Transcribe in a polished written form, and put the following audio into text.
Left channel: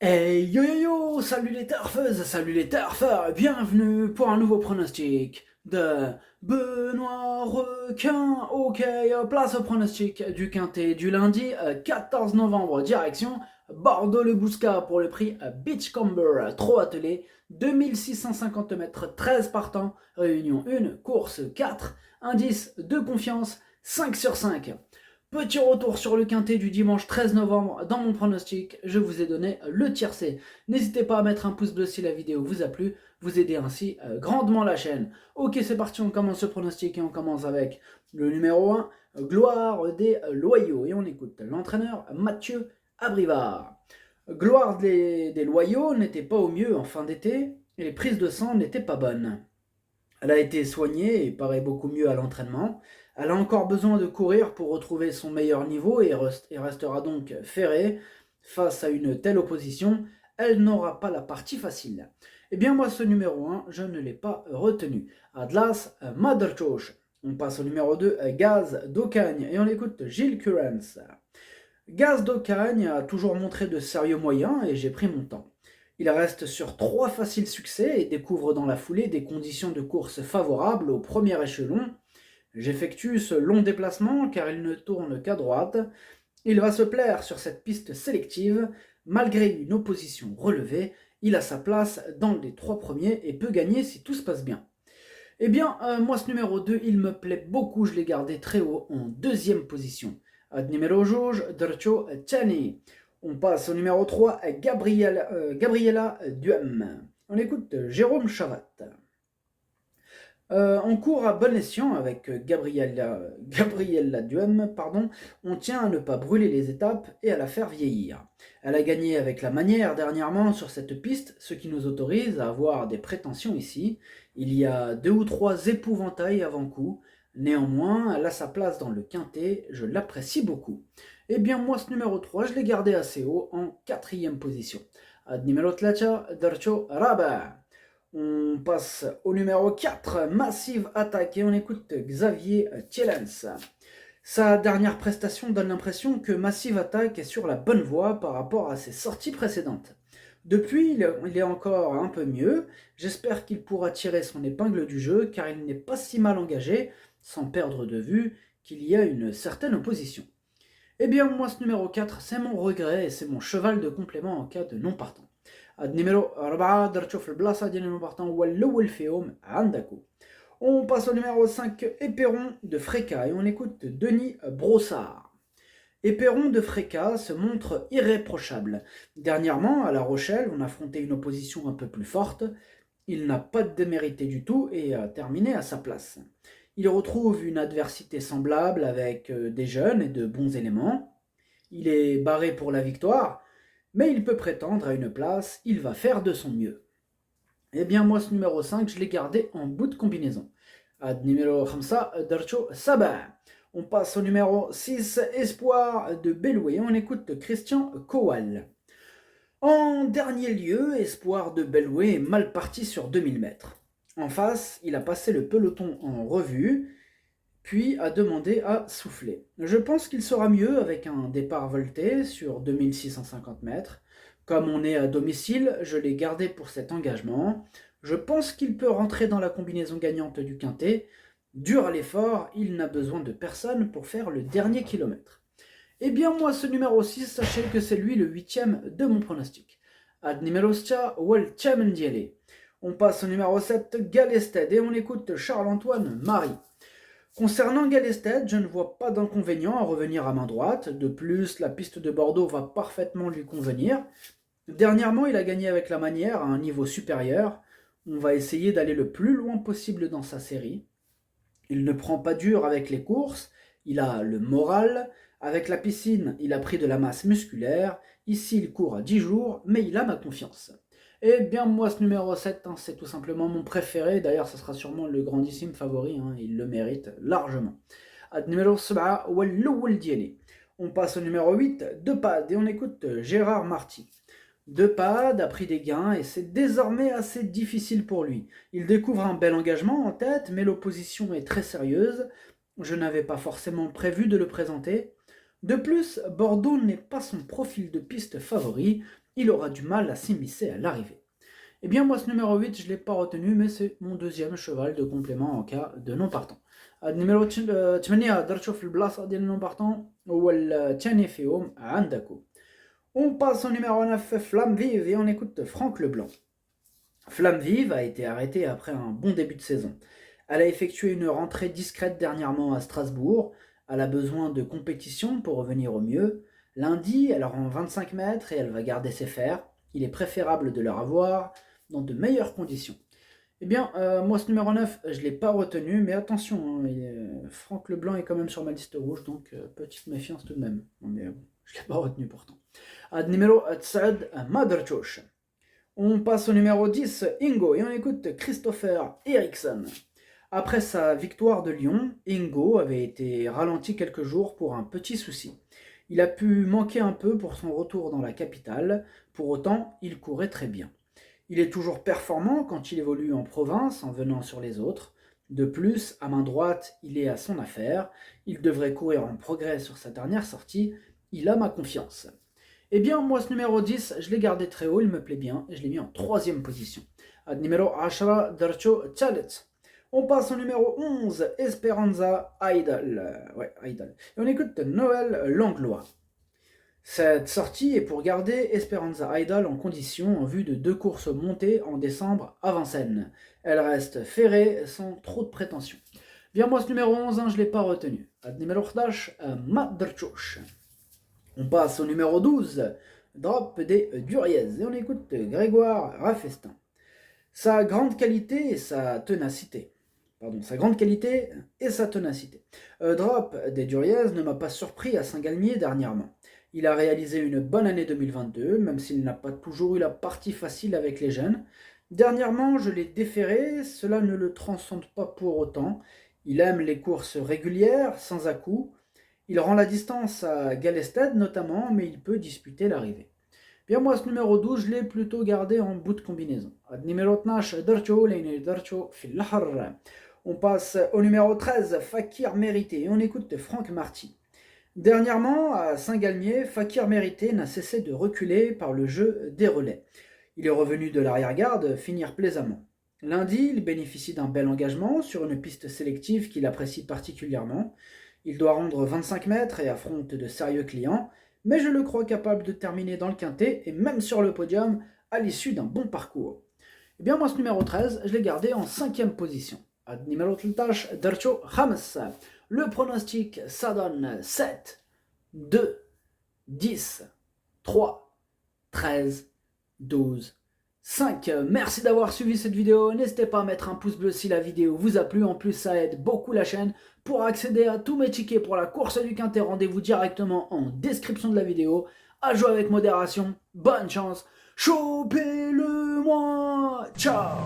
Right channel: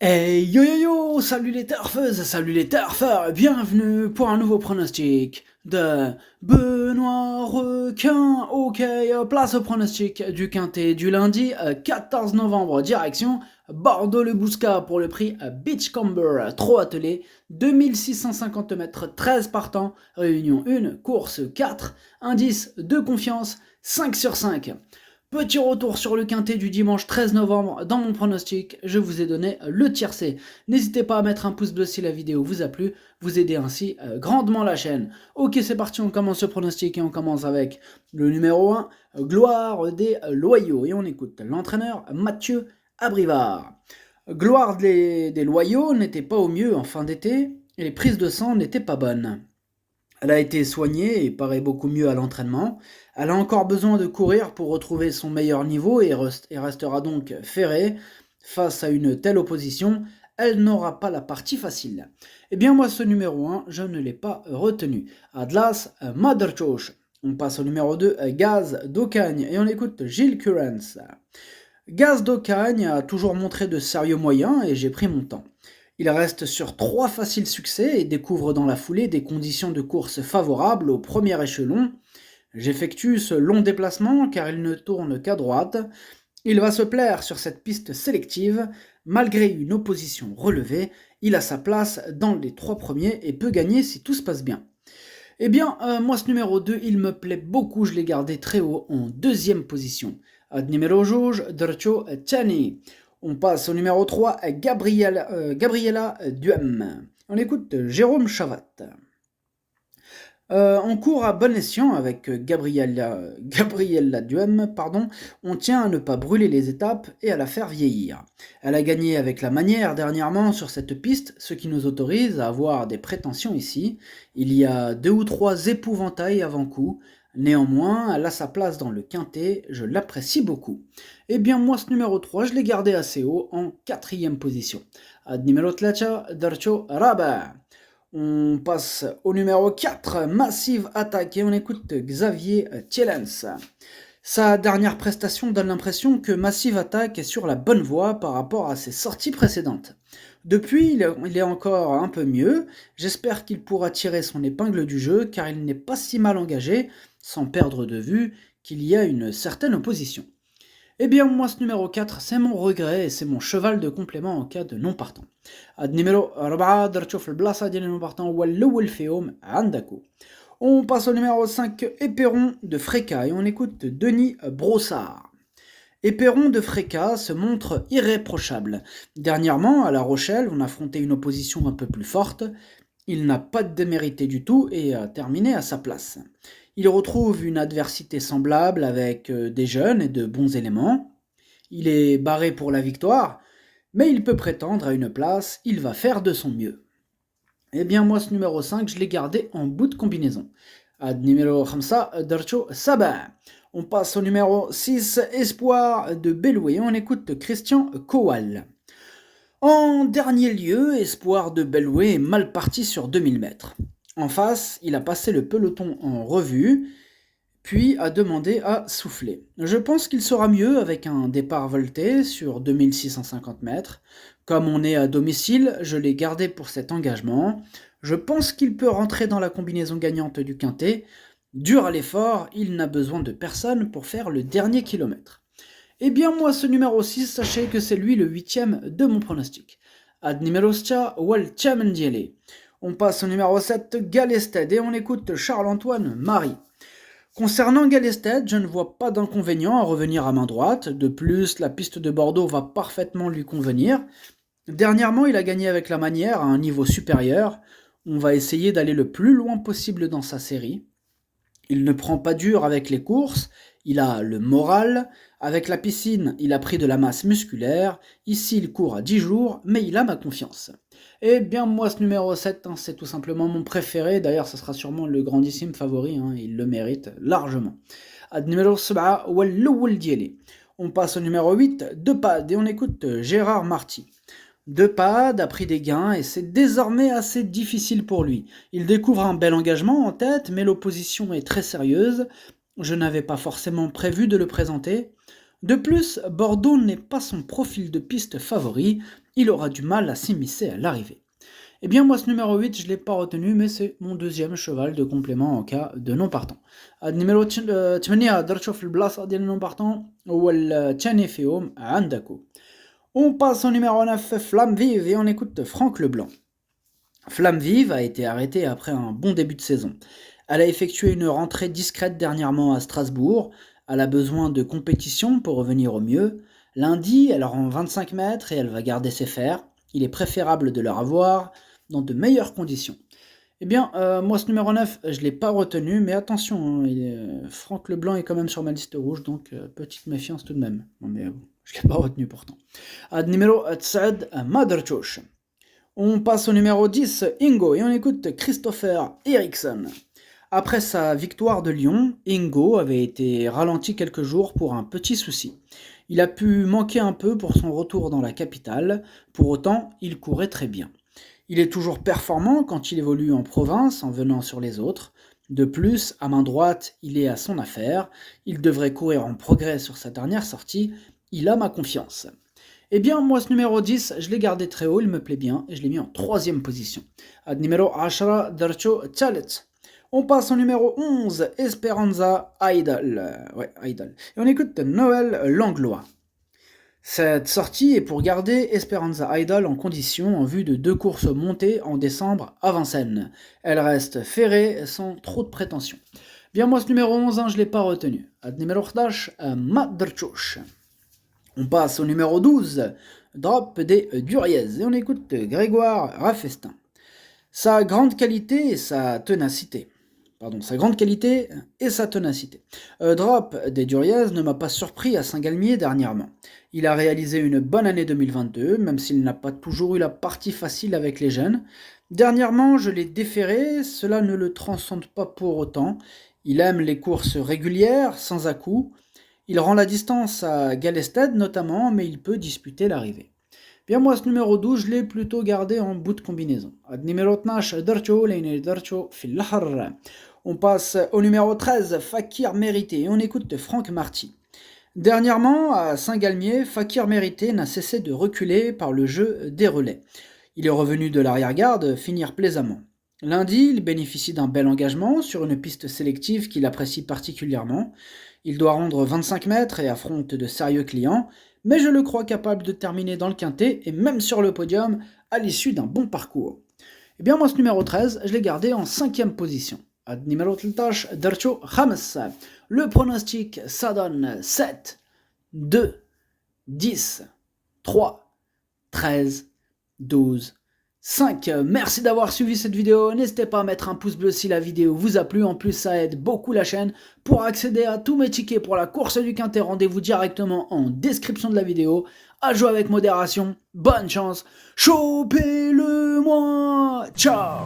Hey yo yo yo, salut les turfeuses, salut les turfeurs, bienvenue pour un nouveau pronostic de Benoît Requin. Ok, place au pronostic du quintet du lundi 14 novembre, direction Bordeaux-le-Bouscat pour le prix Beachcomber, trop attelé, 2650 mètres, 13 partants, réunion 1, course 4, indice de confiance 5 sur 5. Petit retour sur le quintet du dimanche 13 novembre. Dans mon pronostic, je vous ai donné le tiercé. N'hésitez pas à mettre un pouce bleu si la vidéo vous a plu, vous aidez ainsi grandement la chaîne. Ok, c'est parti, on commence ce pronostic et on commence avec le numéro 1, Gloire des Loyaux. Et on écoute l'entraîneur Mathieu Abrivard. Gloire des Loyaux n'était pas au mieux en fin d'été et les prises de sang n'étaient pas bonnes. Elle a été soignée et paraît beaucoup mieux à l'entraînement. Elle a encore besoin de courir pour retrouver son meilleur niveau et restera donc ferrée face à une telle opposition. Elle n'aura pas la partie facile. Eh bien moi ce numéro 1, je ne l'ai pas retenu. Atlas Motherchoch. On passe au numéro 2, Gaz d'Ocagne, et on écoute Gilles Currens. Gaz d'Ocagne a toujours montré de sérieux moyens et j'ai pris mon temps. Il reste sur 3 faciles succès et découvre dans la foulée des conditions de course favorables au premier échelon. J'effectue ce long déplacement car il ne tourne qu'à droite. Il va se plaire sur cette piste sélective. Malgré une opposition relevée, il a sa place dans les 3 premiers et peut gagner si tout se passe bien. Eh bien, moi, ce numéro 2, il me plaît beaucoup. Je l'ai gardé très haut en deuxième position. Ad numéro Jauge, Dercho Tchani. On passe au numéro 3, Gabriela Duhem. On écoute Jérôme Chavat. On court à bon escient avec Gabriella Duhem, pardon. On tient à ne pas brûler les étapes et à la faire vieillir. Elle a gagné avec la manière dernièrement sur cette piste, ce qui nous autorise à avoir des prétentions ici. Il y a 2 ou 3 épouvantails avant coup. Néanmoins, elle a sa place dans le quintet, je l'apprécie beaucoup. Eh bien, moi, ce numéro 3, je l'ai gardé assez haut, en quatrième position. Ad numéro 3, Darcho Rabat. On passe au numéro 4, Massive Attack, et on écoute Xavier Thielens. Sa dernière prestation donne l'impression que Massive Attack est sur la bonne voie par rapport à ses sorties précédentes. Depuis, il est encore un peu mieux. J'espère qu'il pourra tirer son épingle du jeu car il n'est pas si mal engagé, sans perdre de vue qu'il y a une certaine opposition. Eh bien, moi, ce numéro 4, c'est mon regret et c'est mon cheval de complément en cas de non partant. Ad numéro 4, درتشوف البلاصة ديال non partant هو الأول فيهم عندكو. On passe au numéro 5, Éperon de Fréca, et on écoute Denis Brossard. Éperon de Fréca se montre irréprochable. Dernièrement, à La Rochelle, on affrontait une opposition un peu plus forte. Il n'a pas démérité du tout et a terminé à sa place. Il retrouve une adversité semblable avec des jeunes et de bons éléments. Il est barré pour la victoire, mais il peut prétendre à une place, il va faire de son mieux. Eh bien moi ce numéro 5, je l'ai gardé en bout de combinaison. Ad numéro 5, Darcho Sabah. On passe au numéro 6, Espoir de Belloué. On écoute Christian Kowal. En dernier lieu, Espoir de Belloué est mal parti sur 2000 mètres. En face, il a passé le peloton en revue, puis a demandé à souffler. Je pense qu'il sera mieux avec un départ volté sur 2650 mètres. Comme on est à domicile, je l'ai gardé pour cet engagement. Je pense qu'il peut rentrer dans la combinaison gagnante du quintet. Dur à l'effort, il n'a besoin de personne pour faire le dernier kilomètre. Eh bien moi ce numéro 6, sachez que c'est lui le 8e de mon pronostic. Ad numéro 6, Wal Chamendiele. On passe au numéro 7, Galested, et on écoute Charles-Antoine Marie. Concernant Galested, je ne vois pas d'inconvénient à revenir à main droite. De plus, la piste de Bordeaux va parfaitement lui convenir. Dernièrement, il a gagné avec la manière à un niveau supérieur. On va essayer d'aller le plus loin possible dans sa série. Il ne prend pas dur avec les courses, il a le moral. Avec la piscine, il a pris de la masse musculaire. Ici, il court à 10 jours, mais il a ma confiance. Eh bien, moi, ce numéro 7, c'est tout simplement mon préféré. D'ailleurs, ce sera sûrement le grandissime favori. Il le mérite largement. Ad numéro 7, Walloul Dieli. On passe au numéro 8, Depad, et on écoute Gérard Marty. Depad a pris des gains et c'est désormais assez difficile pour lui. Il découvre un bel engagement en tête, mais l'opposition est très sérieuse. Je n'avais pas forcément prévu de le présenter. De plus, Bordeaux n'est pas son profil de piste favori. il aura du mal à s'immiscer à l'arrivée. Eh bien, moi, ce numéro 8, je ne l'ai pas retenu, mais c'est mon deuxième cheval de complément en cas de non partant. النمرو 8 درتو في البلاصة ديال non partant هو الثاني فيهم عندكو. On passe au numéro 9, Flamme Vive, et on écoute Franck Leblanc. Flamme Vive a été arrêtée après un bon début de saison. Elle a effectué une rentrée discrète dernièrement à Strasbourg. Elle a besoin de compétition pour revenir au mieux. Lundi, elle rend 25 mètres et elle va garder ses fers. Il est préférable de leur avoir dans de meilleures conditions. Eh bien, moi, ce numéro 9, je ne l'ai pas retenu, mais attention, Franck Leblanc est quand même sur ma liste rouge, donc petite méfiance tout de même. Non, mais je ne l'ai pas retenu pourtant. Numéro 9, Madrchosh. On passe au numéro 10, Ingo, et on écoute Christopher Eriksson. Après sa victoire de Lyon, Ingo avait été ralenti quelques jours pour un petit souci. Il a pu manquer un peu pour son retour dans la capitale, pour autant, il courait très bien. Il est toujours performant quand il évolue en province en venant sur les autres. De plus, à main droite, il est à son affaire. Il devrait courir en progrès sur sa dernière sortie. Il a ma confiance. Eh bien, moi, ce numéro 10, je l'ai gardé très haut, il me plaît bien, et je l'ai mis en 3e position. Numéro 10, Darcho Chalet. On passe au numéro 11, Esperanza Idol. Ouais, Idol. Et on écoute Noël Langlois. Cette sortie est pour garder Esperanza Idol en condition en vue de 2 courses montées en décembre à Vincennes. Elle reste ferrée sans trop de prétention. Bien, moi, ce numéro 11, je ne l'ai pas retenu. Numéro 11, Madrchosh. On passe au numéro 12, Drop des Duriez, et on écoute Grégoire Raffestin. Sa grande qualité et sa ténacité. Drop des Duriez ne m'a pas surpris à Saint-Galmier dernièrement. Il a réalisé une bonne année 2022, même s'il n'a pas toujours eu la partie facile avec les jeunes. Dernièrement, je l'ai déféré, cela ne le transcende pas pour autant. Il aime les courses régulières, sans à-coups. Il rend la distance à Galested notamment, mais il peut disputer l'arrivée. Bien, moi, ce numéro 12, je l'ai plutôt gardé en bout de combinaison. Numéro 12, Darcho Fil-Lahar. On passe au numéro 13, Fakir Mérité, et on écoute Franck Marty. Dernièrement, à Saint-Galmier, Fakir Mérité n'a cessé de reculer par le jeu des relais. Il est revenu de l'arrière-garde finir plaisamment. Lundi, il bénéficie d'un bel engagement sur une piste sélective qu'il apprécie particulièrement. Il doit rendre 25 mètres et affronte de sérieux clients, mais je le crois capable de terminer dans le quintet et même sur le podium à l'issue d'un bon parcours. Eh bien, moi, ce numéro 13, je l'ai gardé en 5e position. Numéro 13, Darcho Khames. Le pronostic, ça donne 7, 2, 10, 3, 13, 12, 5. Merci d'avoir suivi cette vidéo. N'hésitez pas à mettre un pouce bleu si la vidéo vous a plu. En plus, ça aide beaucoup la chaîne. Pour accéder à tous mes tickets pour la course du quintet, rendez-vous directement en description de la vidéo. À jouer avec modération. Bonne chance. Chopez-le-moi. Ciao.